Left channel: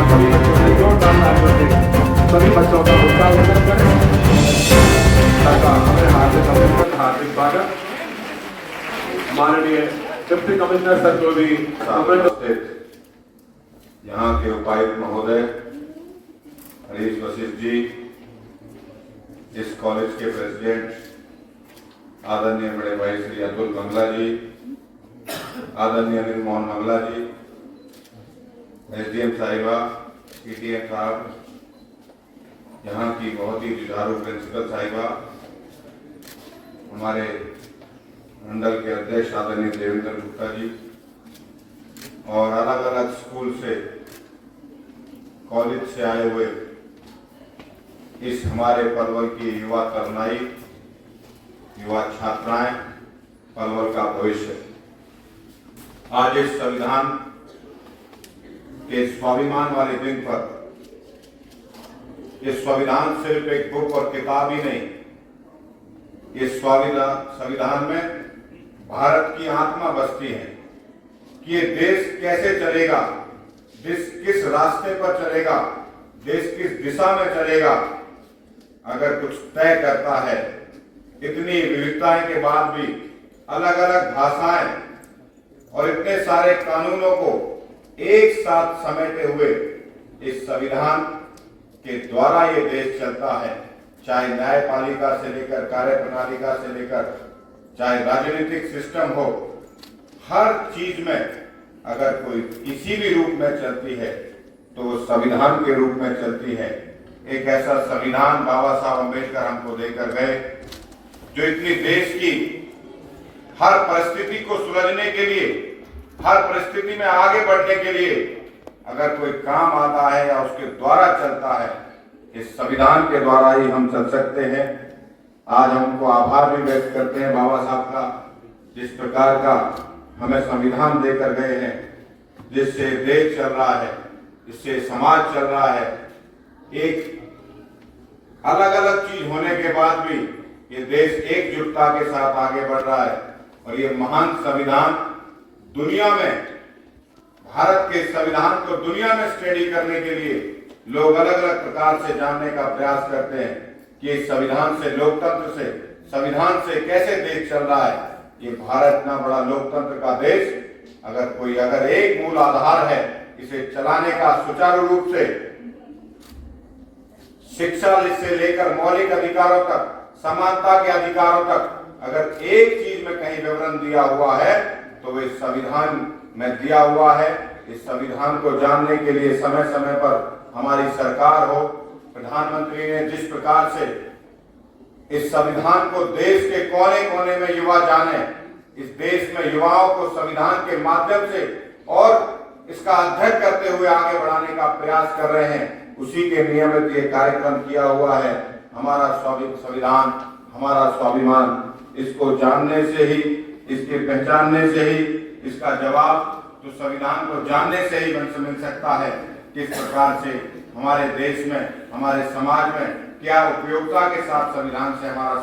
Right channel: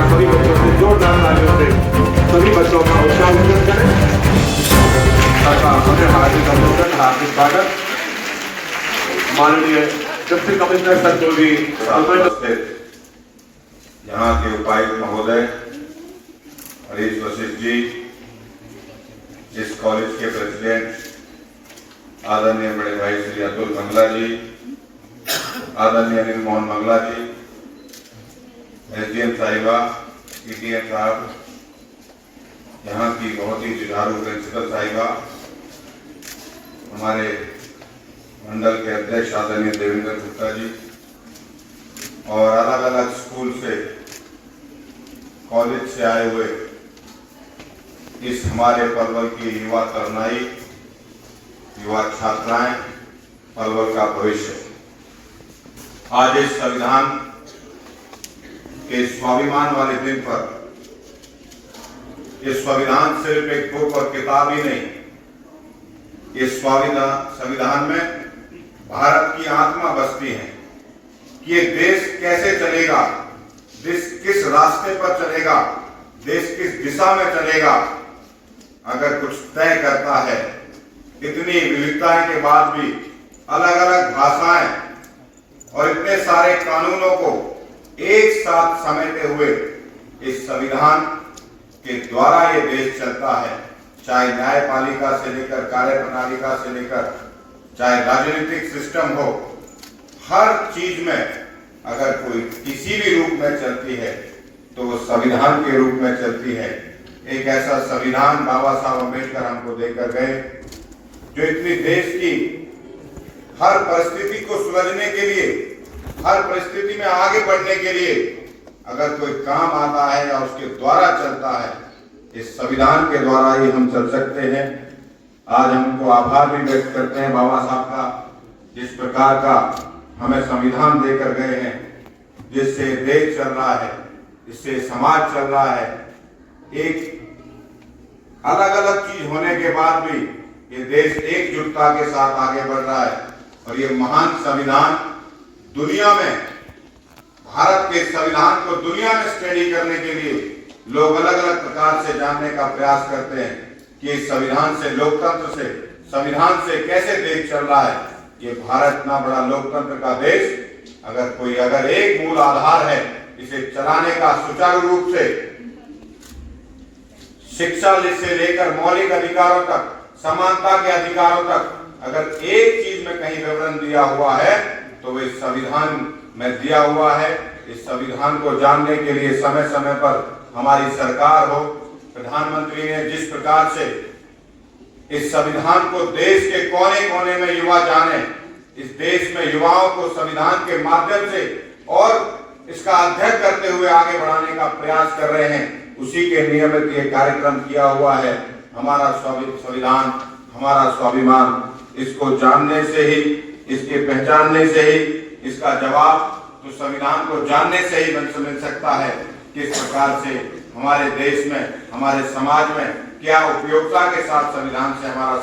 बार सभी बच्चों से जोरदार तालियों से सभी बच्चों का उत्साहवर्धन करें तथा हमें हार्दिक अभिनंदन, हार्दिक स्वागत। माननीय डिप्टी कमिश्नर सर जो भी यहाँ के उपायुक्त महोदय हरीश वशिष्ठ जी, इस कॉलेज के प्रेसिडेंट आदरणीय बड़े भाई श्री अतुल मंगला जी, आदरणीय अनिल मोहन मंगला जी, एसडीएम साहिबा, पीटीएम साहब, यहाँ की बहुत ही जुझारू प्रिंसिपल साहिबा, हमारे मंडल के अध्यक्ष आदरणीय देवेंद्र गुप्ता जी और अलग अलग स्कूल से, कॉलेज से आए हुए इस हमारे पलवल की युवा तरुणाई, युवा छात्राएं, पलवल का भविष्य। आज इस संविधान के स्वाभिमान वाले दिन पर, ये संविधान सिर्फ एक बुक और किताब ही नहीं, इस संविधान में भारत की आत्मा बसती है कि ये देश कैसे चलेगा, देश किस रास्ते पर चलेगा, देश किस दिशा में चलेगा, अगर कुछ तय करता है। इतनी विविधताएं के बाद भी अलग अलग भाषाएं और इतने सारे कानूनों को एक साथ समेटे हुए इस संविधान के द्वारा ये देश चलता है। चाहे न्यायपालिका से लेकर कार्यप्रणालिका से लेकर, चाहे राजनीतिक सिस्टम हो, हर चीज में अगर कोई किसी भी रूप में चलती है तो वो संविधान के रूप में चलती है। एक ऐसा संविधान बाबा साहब अम्बेडकर हमको देकर गए जो इतनी देश की हर परिस्थिति को सुलझने के लिए, हर परिस्थिति में आगे बढ़ने के लिए अगर कोई काम आता है या उसके द्वारा चलता है, इस संविधान के द्वारा ही हम चल सकते हैं। आज हम उनको आभार भी व्यक्त करते हैं बाबा साहब का, जिस प्रकार का हमें संविधान देकर गए हैं, जिससे देश चल रहा है, इससे समाज चल रहा है। एक अलग अलग चीज होने के बाद भी ये देश एकजुटता के साथ आगे बढ़ रहा है और ये महान संविधान दुनिया में, भारत के संविधान को दुनिया में स्टडी करने के लिए लोग अलग अलग प्रकार से जानने का प्रयास करते हैं कि इस संविधान से, लोकतंत्र से, संविधान से कैसे देश चल रहा है। ये भारत इतना बड़ा लोकतंत्र का देश, अगर एक मूल आधार है इसे चलाने का सुचारू रूप से, शिक्षा से लेकर मौलिक अधिकारों तक, समानता के अधिकारों तक, अगर एक चीज में कहीं विवरण दिया हुआ है तो वो इस संविधान में दिया हुआ है। इस संविधान को जानने के लिए समय समय पर हमारी सरकार हो, प्रधानमंत्री ने जिस प्रकार से इस संविधान को देश के कोने कोने में युवा जाने, इस देश में युवाओं को संविधान के माध्यम से और इसका अध्ययन करते हुए आगे बढ़ाने का प्रयास कर रहे हैं, उसी के नियमित ये कार्यक्रम किया हुआ है। हमारा संविधान, हमारा स्वाभिमान, इसको जानने से ही, इसके पहचानने से ही इसका जवाब तो संविधान को जानने से ही मिल सकता है। किस प्रकार से हमारे देश में, हमारे समाज में क्या उपयोगिता के साथ संविधान से हमारा